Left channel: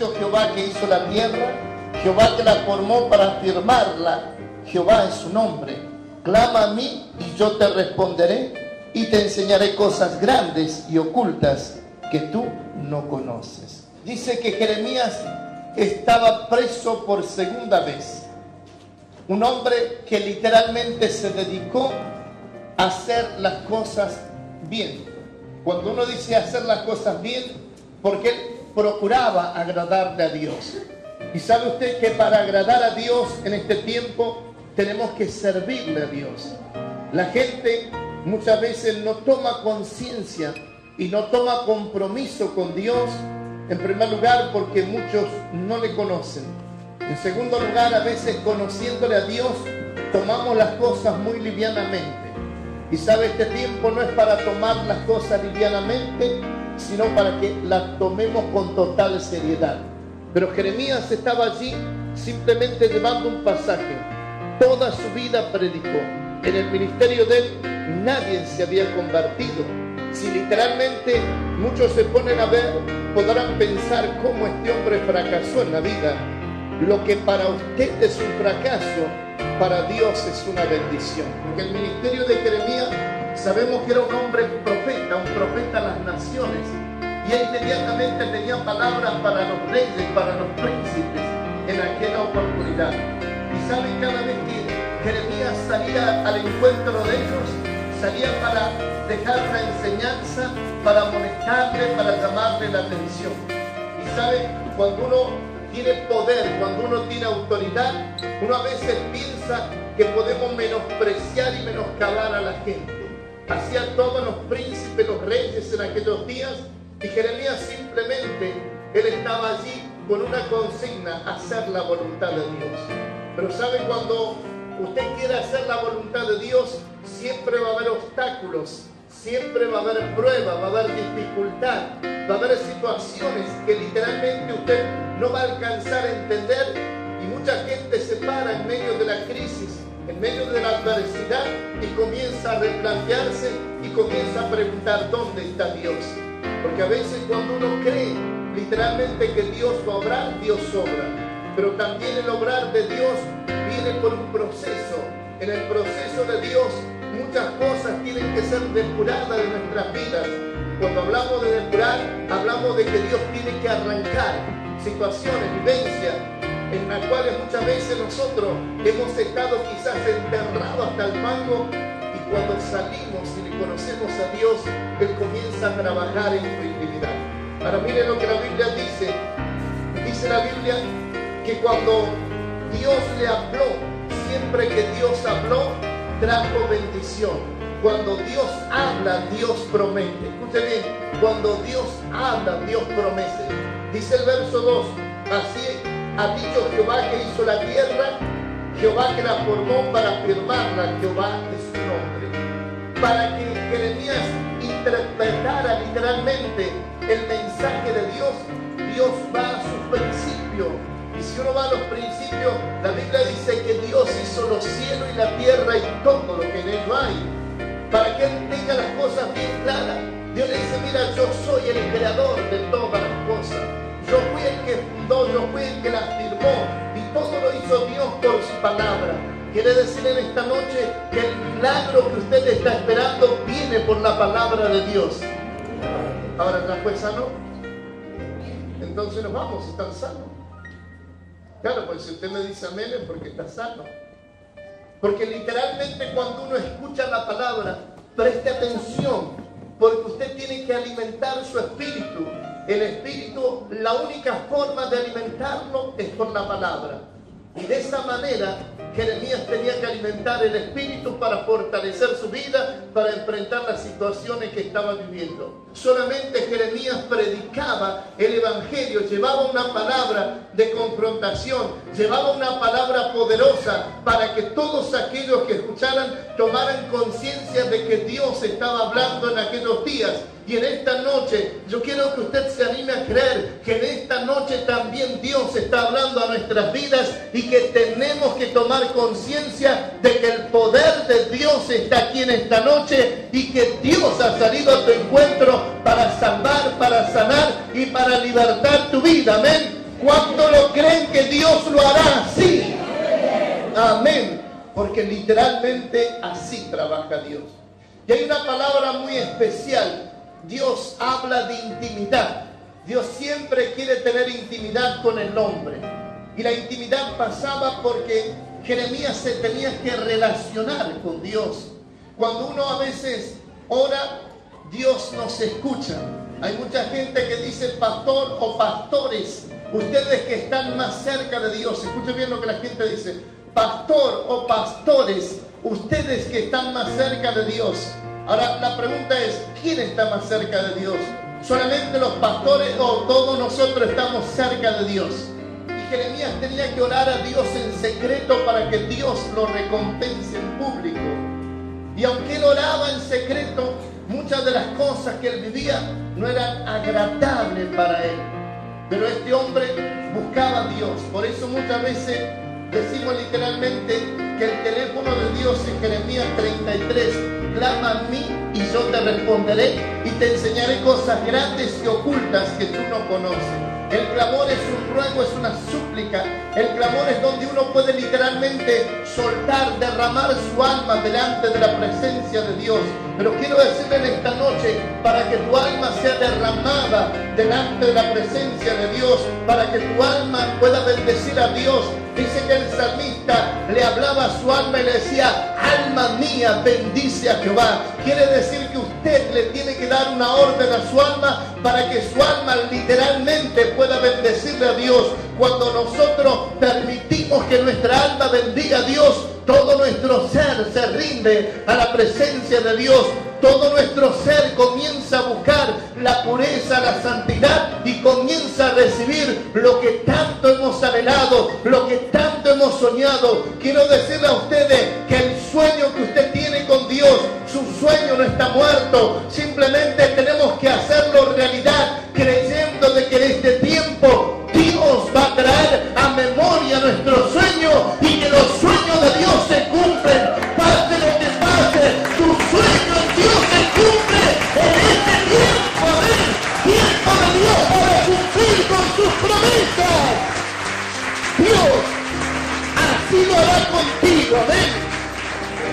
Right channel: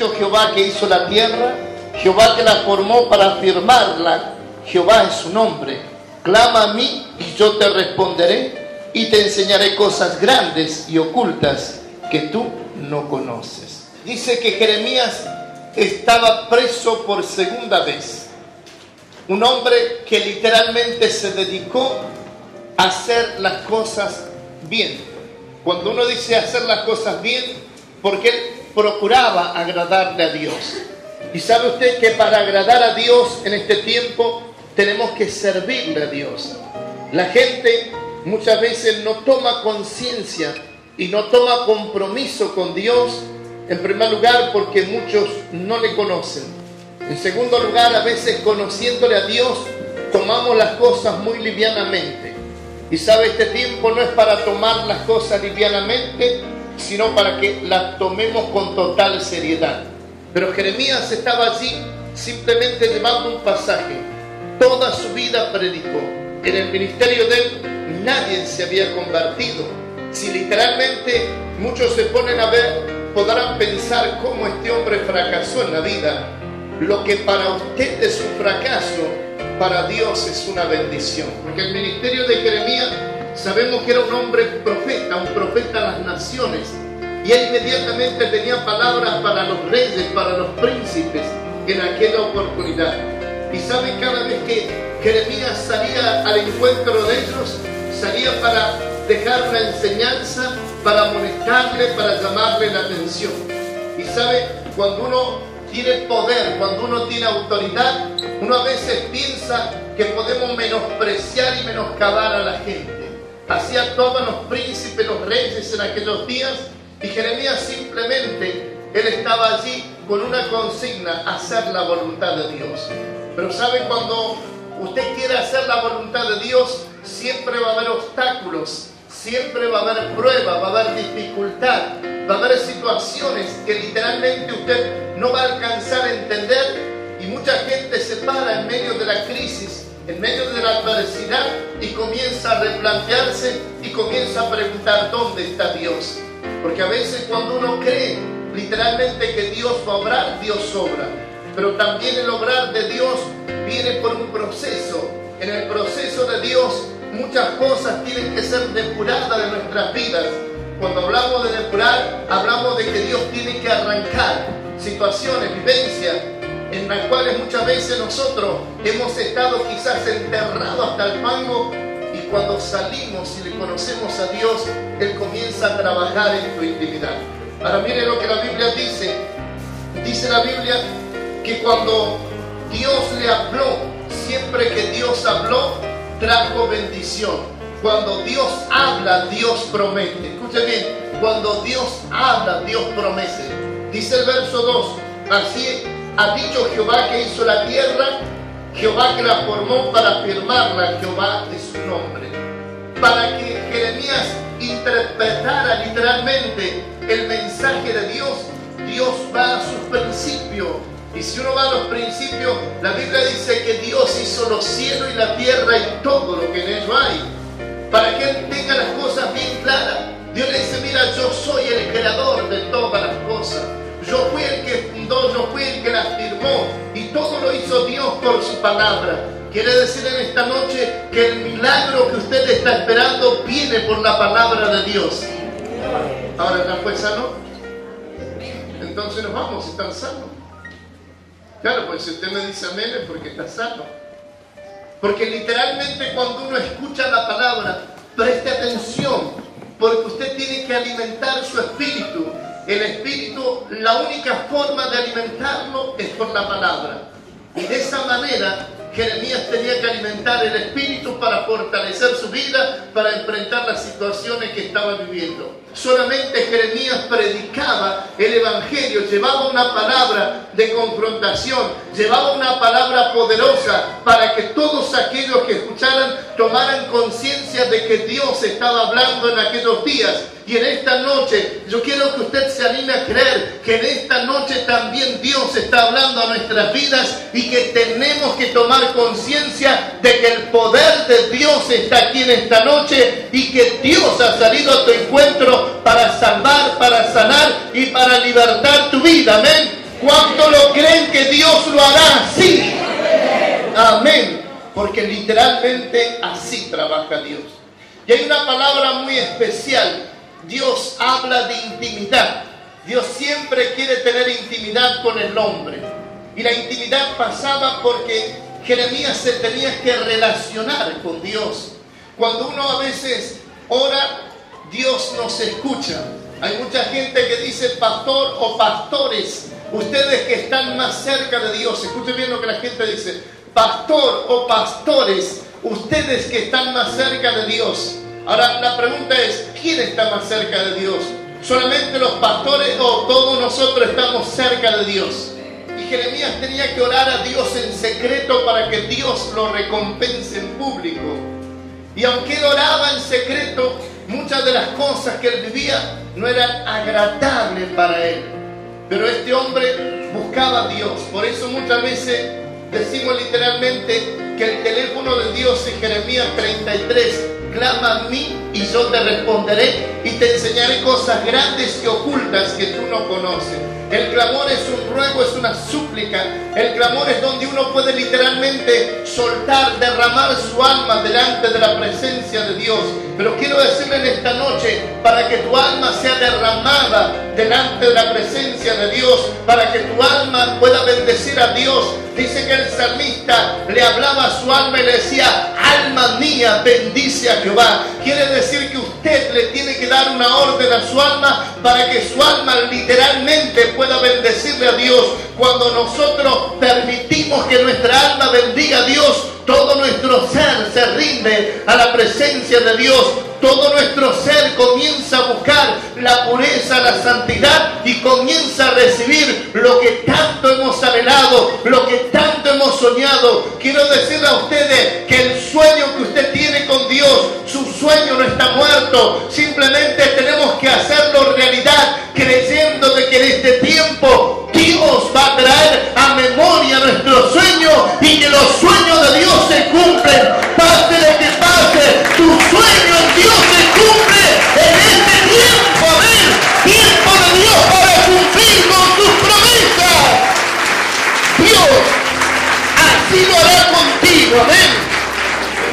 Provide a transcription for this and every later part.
dicho Jehová que hizo la tierra, Jehová que la formó para afirmarla, Jehová es su nombre. Clama a mí y yo te responderé y te enseñaré cosas grandes y ocultas que tú no conoces. Dice que Jeremías estaba preso por segunda vez. Un hombre que literalmente se dedicó a hacer las cosas bien. Cuando uno dice hacer las cosas bien, porque él procuraba agradarle a Dios. Y sabe usted que para agradar a Dios en este tiempo tenemos que servirle a Dios. La gente muchas veces no toma conciencia y no toma compromiso con Dios, en primer lugar porque muchos no le conocen. En segundo lugar, a veces conociéndole a Dios, tomamos las cosas muy livianamente. Y sabe, este tiempo no es para tomar las cosas livianamente, sino para que las tomemos con total seriedad. Pero Jeremías estaba allí simplemente llevando un pasaje. Toda su vida predicó. En el ministerio de él nadie se había convertido. Si literalmente muchos se ponen a ver, podrán pensar cómo este hombre fracasó en la vida. Lo que para usted es un fracaso, para Dios es una bendición. Porque el ministerio de Jeremías, sabemos que era un hombre profeta, un profeta a las naciones. Y él inmediatamente tenía palabras para los reyes, para los príncipes, en aquella oportunidad. Y saben, cada vez que Jeremías salía al encuentro de ellos, salía para dejar una enseñanza, para amonestarle, para llamarle la atención. Y sabe, cuando uno tiene poder, cuando uno tiene autoridad, uno a veces piensa que podemos menospreciar y menoscabar a la gente. Así actuaban los príncipes, los reyes en aquellos días, y Jeremías simplemente, él estaba allí con una consigna: hacer la voluntad de Dios. Pero sabe, cuando usted quiere hacer la voluntad de Dios, siempre va a haber obstáculos, siempre va a haber pruebas, va a haber dificultad, va a haber situaciones que literalmente usted no va a alcanzar a entender, y mucha gente se para en medio de la crisis, en medio de la adversidad, y comienza a replantearse y comienza a preguntar: ¿dónde está Dios? Porque a veces cuando uno cree literalmente que Dios va a obrar, Dios obra. Pero también el obrar de Dios viene por un proceso. En el proceso de Dios muchas cosas tienen que ser depuradas de nuestras vidas. Cuando hablamos de depurar, hablamos de que Dios tiene que arrancar situaciones, vivencias, en las cuales muchas veces nosotros hemos estado quizás enterrados hasta el fango, y cuando salimos y le conocemos a Dios, Él comienza a trabajar en tu intimidad. Ahora miren lo que la Biblia dice. Dice la Biblia que cuando Dios le habló, siempre que Dios habló, trajo bendición. Cuando Dios habla, Dios promete. Escuche bien, cuando Dios habla, Dios promete. Dice el verso 2, así ha dicho Jehová que hizo la tierra, Jehová que la formó para afirmarla, Jehová es su nombre. Para que Jeremías interpretara literalmente el mensaje de Dios, Dios va a sus principios. Y si uno va a los principios, la Biblia dice que Dios hizo los cielos y la tierra y todo lo que en ellos hay. Para que Él tenga las cosas bien claras, Dios le dice: mira, yo soy el creador de todas las cosas. Yo fui el que fundó, yo fui el que las firmó, y todo lo hizo Dios por su palabra. Quiere decir en esta noche que el milagro que usted está esperando viene por la palabra de Dios. Ahora, ¿ya fue sano? Entonces nos vamos, ¿están sanos? Claro, pues si usted me dice amén es porque está sano. Porque literalmente cuando uno escucha la palabra, preste atención, porque usted tiene que alimentar su espíritu. El espíritu, la única forma de alimentarlo es por la palabra. Y de esa manera Jeremías tenía que alimentar el espíritu para fortalecer su vida, para enfrentar las situaciones que estaba viviendo. Solamente Jeremías predicaba el evangelio, llevaba una palabra de confrontación, llevaba una palabra poderosa para que todos aquellos que escucharan tomaran conciencia de que Dios estaba hablando en aquellos días. Y en esta noche yo quiero que usted se anime a creer que en esta noche también Dios está hablando a nuestras vidas, y que tenemos que tomar conciencia de que el poder de Dios está aquí en esta noche, y que Dios ha salido a tu encuentro para salvar, para sanar y para libertar tu vida. Amén. ¿Cuánto lo creen que Dios lo hará así? Amén. Porque literalmente así trabaja Dios. Y hay una palabra muy especial. Dios habla de intimidad. Dios siempre quiere tener intimidad con el hombre. Y la intimidad pasaba porque Jeremías se tenía que relacionar con Dios. Cuando uno a veces ora, Dios nos escucha. Hay mucha gente que dice pastor o pastores, ustedes que están más cerca de Dios. Escuchen bien lo que la gente dice. Pastor o pastores, ustedes que están más cerca de Dios. Ahora la pregunta es, ¿quién está más cerca de Dios? ¿Solamente los pastores o todos nosotros estamos cerca de Dios? Y Jeremías tenía que orar a Dios en secreto para que Dios lo recompense en público. Y aunque él oraba en secreto, muchas de las cosas que él vivía no eran agradables para él. Pero este hombre buscaba a Dios. Por eso muchas veces decimos literalmente que el teléfono de Dios en Jeremías 33, clama a mí y yo te responderé y te enseñaré cosas grandes y ocultas que tú no conoces. El clamor es un ruego, es una súplica. El clamor es donde uno puede literalmente soltar, derramar su alma delante de la presencia de Dios. Pero quiero decirle en esta noche, para que tu alma sea derramada delante de la presencia de Dios, para que tu alma pueda bendecir a Dios, dice que el salmista le hablaba a su alma y le decía, alma mía, bendice a Jehová. Quiere decir que usted le tiene que dar una orden a su alma para que su alma literalmente pueda bendecirle a Dios. Cuando nosotros permitimos que nuestra alma bendiga a Dios, todo nuestro ser se rinde a la presencia de Dios. Todo nuestro ser comienza a buscar la pureza, la santidad y comienza a recibir lo que tanto hemos anhelado, lo que tanto hemos soñado. Quiero decirle a ustedes que el sueño que usted tiene con Dios, su sueño no está muerto. Simplemente tenemos que hacerlo realidad, creyendo de que en este tiempo Dios va a traer a memoria nuestro sueño y que los sueños de Dios se cumplen. Pase lo que pase, tu sueño en Dios se cumple en este tiempo. Amén. Tiempo de Dios para cumplir con sus promesas. Dios así lo hará contigo. Amén.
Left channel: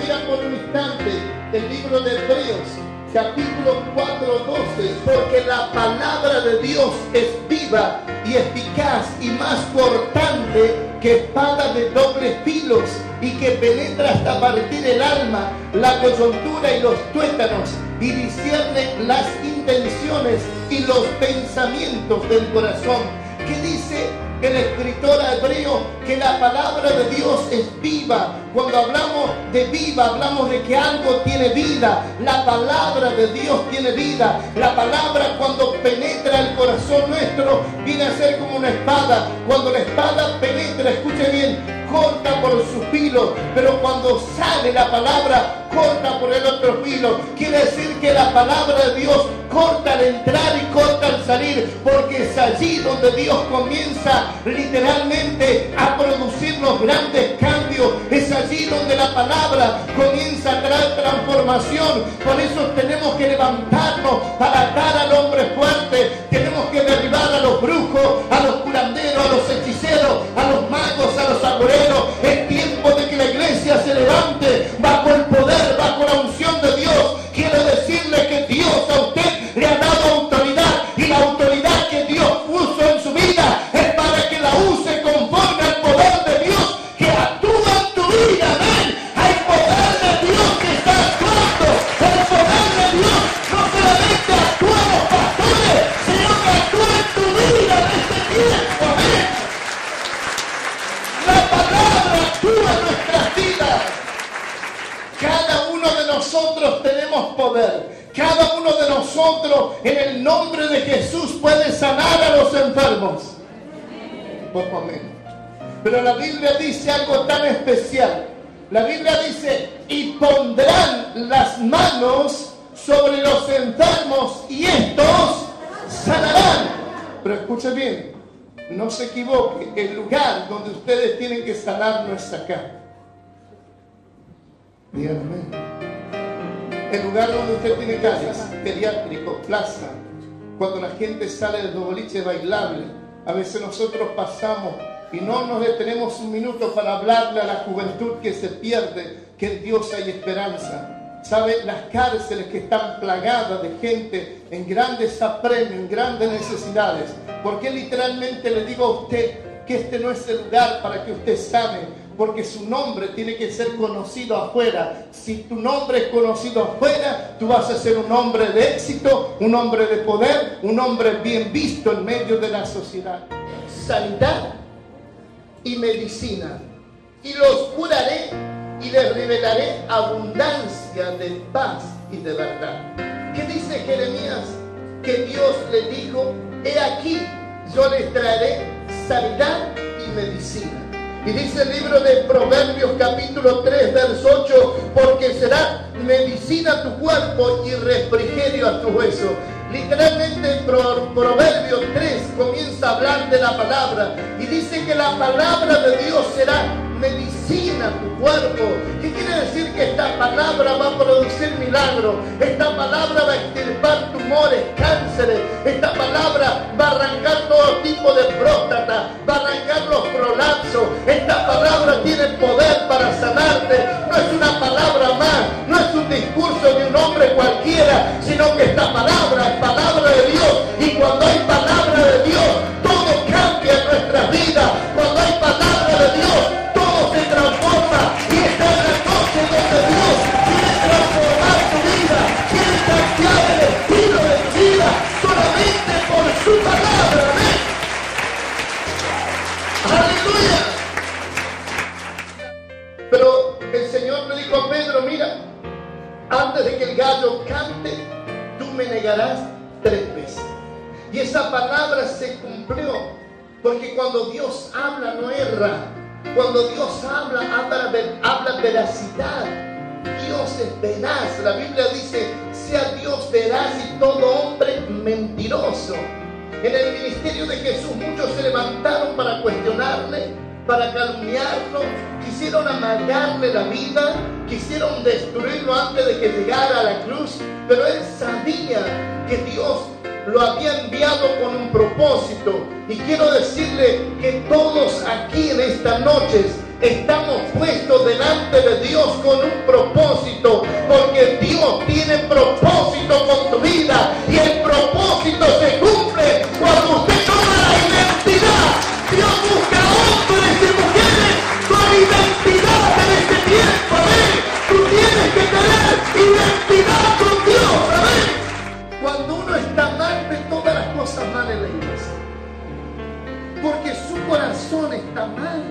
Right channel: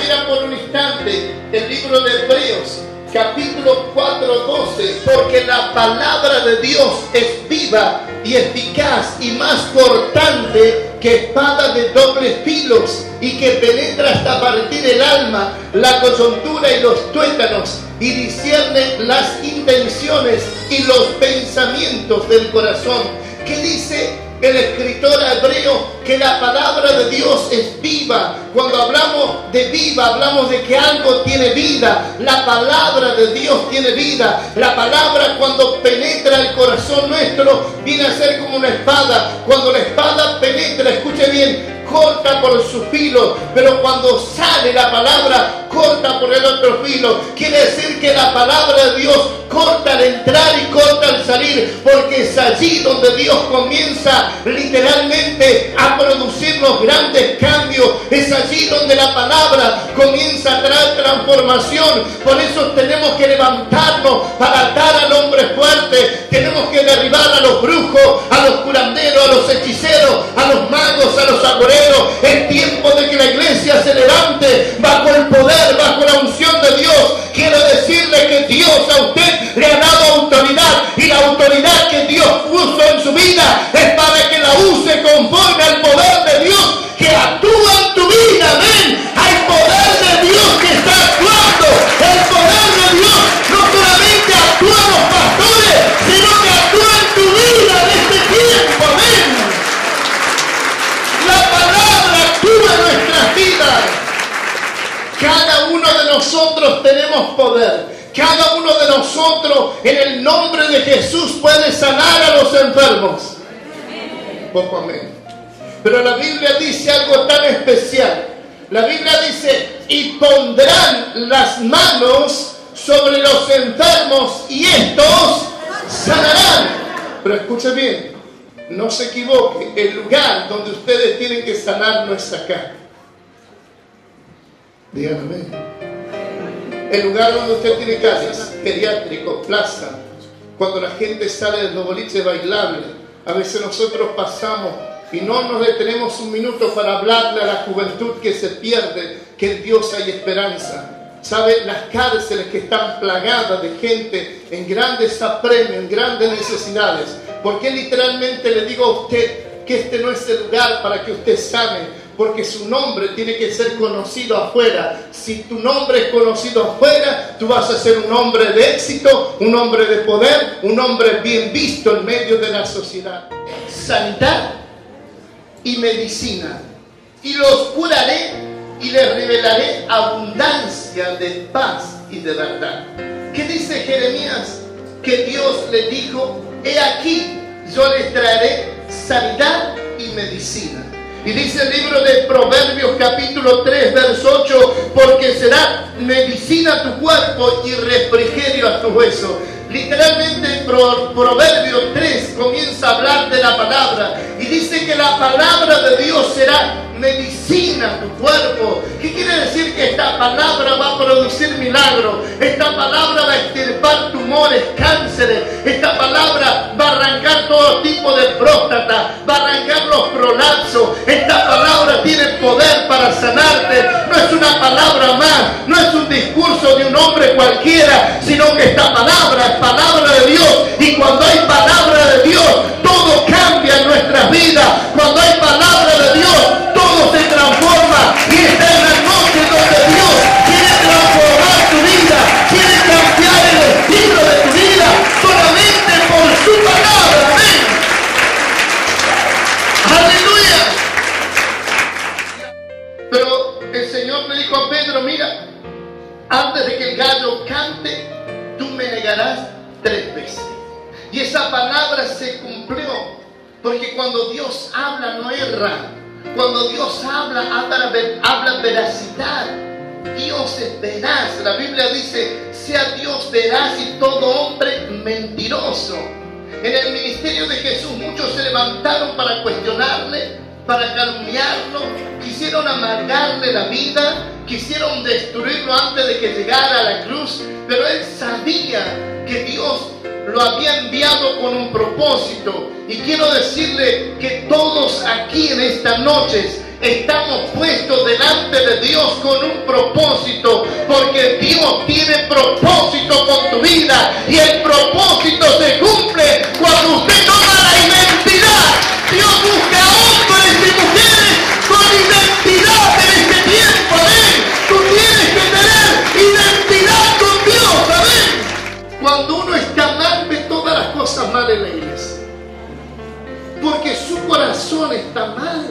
Mira por un instante el libro de Hebreos, capítulo 4:12, porque la palabra de Dios es viva y eficaz y más cortante que espada de dobles filos y que penetra hasta partir el alma, la coyuntura y los tuétanos y discierne las intenciones y los pensamientos del corazón. ¿Qué dice el escritor hebreo? Que la palabra de Dios es viva. Cuando hablamos de viva, hablamos de que algo tiene vida. La palabra de Dios tiene vida. La palabra, cuando penetra el corazón nuestro, viene a ser como una espada. Cuando la espada penetra, escuche bien, corta por su filo, pero cuando sale la palabra, corta por el otro filo. Quiere decir que la palabra de Dios corta al entrar y corta al salir, porque es allí donde Dios comienza literalmente a producir los grandes cambios. Es allí donde la palabra comienza a traer transformación. Por eso tenemos que levantarnos para atar al hombre fuerte. Tenemos que derribar a los brujos, a los curanderos, a los hechiceros, a los magos, a los agoreros. Es tiempo de que la iglesia se levante bajo el poder, bajo la unción de Dios. Quiero decirle que Dios a usted le ha dado autoridad, y la autoridad que Dios puso en su vida es para que la use conforme al poder de Dios que actúa en tu vida. Amén. Hay poder de Dios que está actuando. El poder de Dios no solamente actúa en los pastores, sino que actúa en tu vida en este tiempo. Amén. La palabra actúa en nuestras vidas. Cada uno de nosotros tenemos poder. Cada uno de nosotros, en el nombre de Jesús, puede sanar a los enfermos. Poco amén. Pero la Biblia dice algo tan especial. La Biblia dice, y pondrán las manos sobre los enfermos y estos sanarán. Pero escuche bien, no se equivoque, el lugar donde ustedes tienen que sanar no es acá. Díganme. El lugar donde usted tiene casas, geriátrico, plaza, cuando la gente sale de los boliches bailables, A veces nosotros pasamos y no nos detenemos un minuto para hablarle a la juventud que se pierde, que en Dios hay esperanza. ¿Sabe? Las cárceles que están plagadas de gente en grandes apremios, en grandes necesidades. ¿Por qué literalmente le digo a usted que este no es el lugar para que usted sane? Porque su nombre tiene que ser conocido afuera. Si tu nombre es conocido afuera, tú vas a ser un hombre de éxito, un hombre de poder, un hombre bien visto en medio de la sociedad. Sanidad y medicina. Y los curaré y les revelaré abundancia de paz y de verdad. ¿Qué dice Jeremías? Que Dios le dijo: he aquí, yo les traeré sanidad y medicina. Y dice el libro de Proverbios capítulo 3 verso 8: porque será medicina a tu cuerpo y refrigerio a tu hueso. Literalmente Proverbios 3 comienza a hablar de la palabra y dice que la palabra de Dios será medicina a tu cuerpo. ¿Qué quiere decir? Que esta palabra va a producir milagros. Esta palabra va a extirpar tumores, cánceres. Esta palabra va a arrancar todo tipo de próstata, va a arrancar los prolapsos. Esta palabra tiene poder para sanarte. No es una palabra más, no es un discurso de un hombre cualquiera, sino que esta palabra es palabra de Dios. Y cuando hay palabra de Dios, todo cambia en nuestras vidas. Cuando hay palabra de Dios, todo se transforma. Y esta es la noche donde Dios quiere transformar tu vida, quiere cambiar el estilo de tu vida solamente por su palabra. Amén. Aleluya. Pero el Señor le dijo a Pedro: mira, antes de que el gallo cante, tú me negarás 3 veces. Y esa palabra se cumplió, porque cuando Dios habla no erra. Cuando Dios habla veracidad. Dios es veraz. La Biblia dice: sea Dios veraz y todo hombre mentiroso. En el ministerio de Jesús muchos se levantaron para cuestionarle, para calumniarlo, quisieron amargarle la vida, quisieron destruirlo antes de que llegara a la cruz, pero él sabía que Dios lo había enviado con un propósito. Y quiero decirle que todos aquí en esta noche estamos puestos delante de Dios con un propósito, porque Dios tiene propósito con tu vida, y el propósito se cumple cuando usted toma la identidad. Dios busca hombres y mujeres con identidad en este tiempo. Amén. Tú tienes que tener identidad con Dios. Amén. Cuando uno está mal, ve todas las cosas mal en la iglesia, porque su corazón está mal.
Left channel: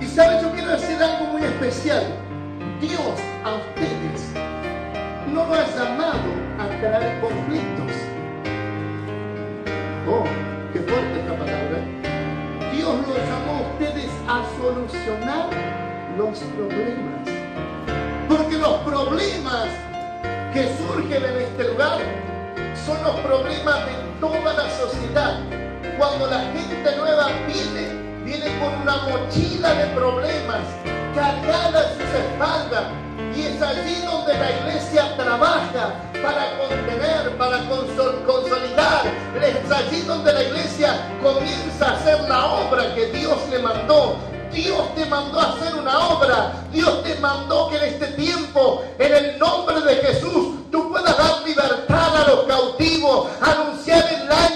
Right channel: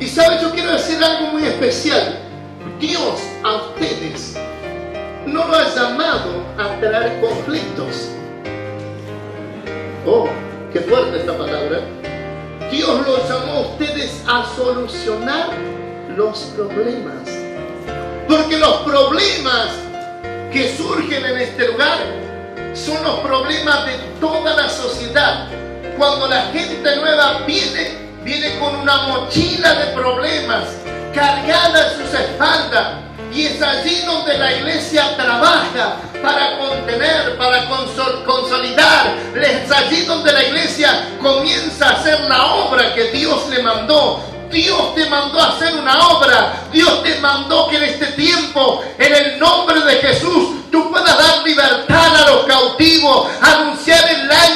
Y sabes, yo quiero decir algo muy especial. Dios a ustedes no lo ha llamado a traer conflictos. Oh, qué fuerte esta palabra. Dios los llamó a ustedes a solucionar los problemas. Porque los problemas que surgen en este lugar son los problemas de toda la sociedad. Cuando la gente nueva viene con una mochila de problemas cargada en sus espaldas, y es allí donde la iglesia trabaja para contener, para consolidar. Es allí donde la iglesia comienza a hacer la obra que Dios le mandó. Dios te mandó a hacer una obra. Dios te mandó que en este tiempo, en el nombre de Jesús, tú puedas dar libertad a los cautivos, anunciar el año